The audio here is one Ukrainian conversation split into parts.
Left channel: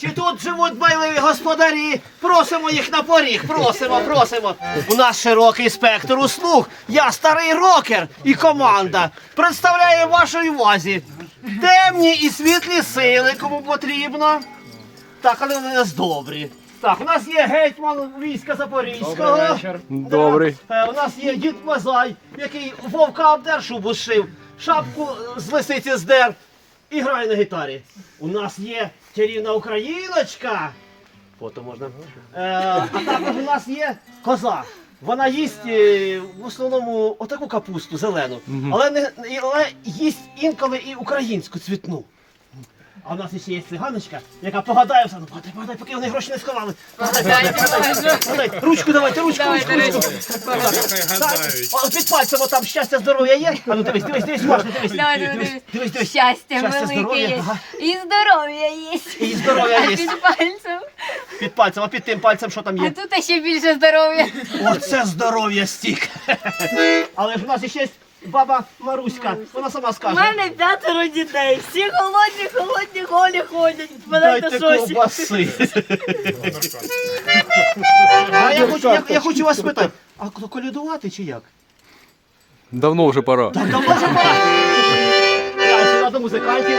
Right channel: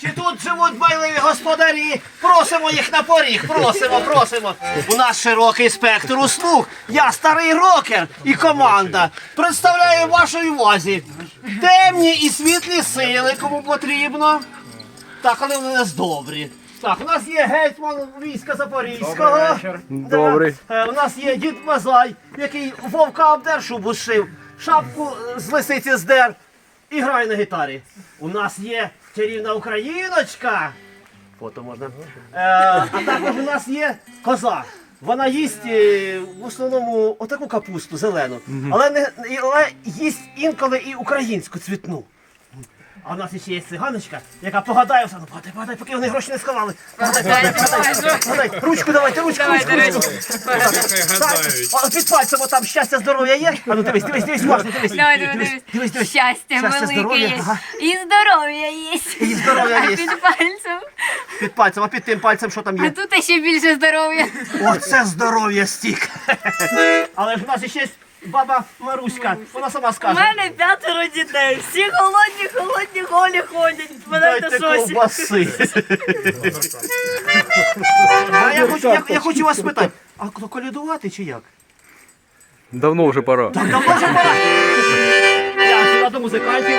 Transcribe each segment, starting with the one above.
Чи тут живуть байливі господарі? Просимо їх на поріг, просимо, просимо. У нас широкий спектр услуг. Я старий рокер і команда. Представляю вашій увазі темні і світлі сили, кому потрібно. Так, але вони у нас добрі. Так, у нас є гетьман війська Запорізького. Да. Добрий. Е, У нас є дід Мазай, який вовка обдер шубу зшив, шапку е, з лисиці здер і грає на гітарі. У нас є чарівна україночка. Фото можна. Е, а також у нас є коза. Вона їсть е, в основному отаку капусту зелену, але не але їсть інколи і українську цвітну. А в нас ще є циганочка, яка погадає все. Ну, погадай, погадай, поки вони гроші не сховали. Погадай, погадай, погадай, погадай. Ручку давайте, ручку, Давайте ручку, ручку. Так, о, Під пальцем там щастя, здоров'я є. А ну дивись, дивись, дивись, уважно, дивись. Давай, Дивись, дивись, дивись, дивись. Щастя, Щастя, велике здоров'я, є. ага. І здоров'я є. І здоров'я А є. під пальцем. Під пальцем, а під тим пальцем що там А є? тут ще більше здоров'я. Оце здоров'я стік. Але ж у нас ще є баба Маруська. Вона сама У скаже. мене п'ятеро дітей. Всі голодні, холодні, голі ходять. Мене Дайте на ковбаси. А я хочу, я, я хочу вас спитати, а то колядувати чи як? Давно вже пора. Так давно вже пора. Я сюди до музикантів.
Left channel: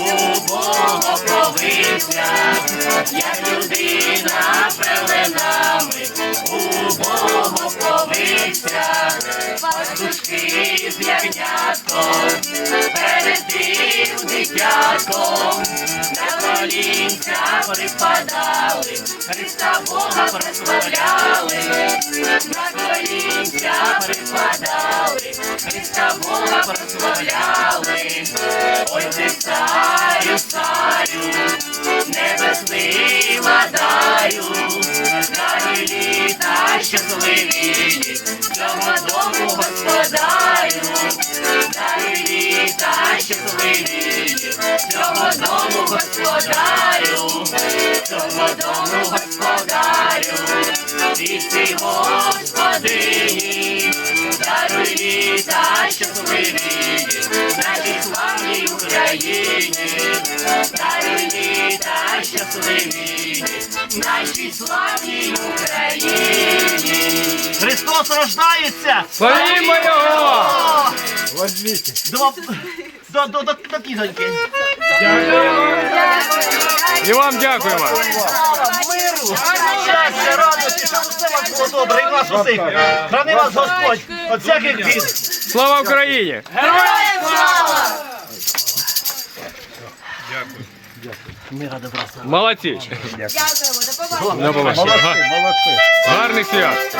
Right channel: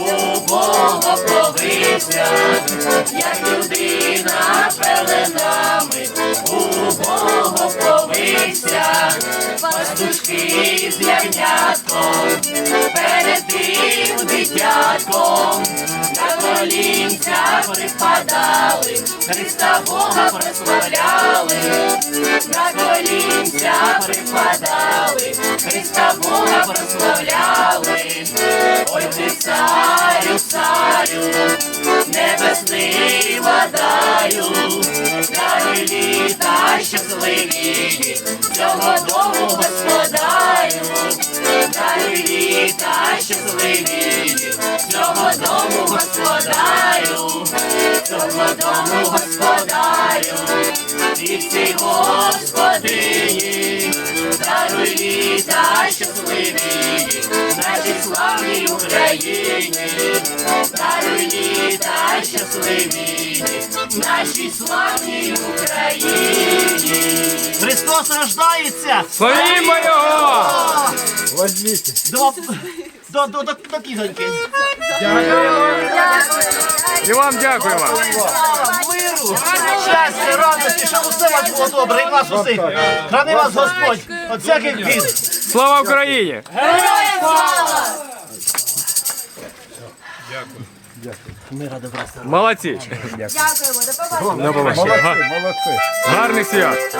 убого повився, як людина пеленами, убого повився, пастушки з ягнятком, перед тим дитятком, на колінця припадали, Христа Бога прославляли, на колінця припадали. Христа Бога прославляли, Ой, ти царю, царю, небесний владаю, старі літа щасливі, цього дому Господаю, старі літа щасливі, цього дому господарю, цього дому господарю, ти Господи. Рождається! Славімо його! До, до, до, до, до кізоньки. І вам дякуємо. Миру, щастя, радості, щоб усе було добре, і нас усіх. Храни вас Господь від всяких бід. Слава Україні! Мира добра. Молодці! Дякуємо, до побачення. На побачення. Га- Гарний свят!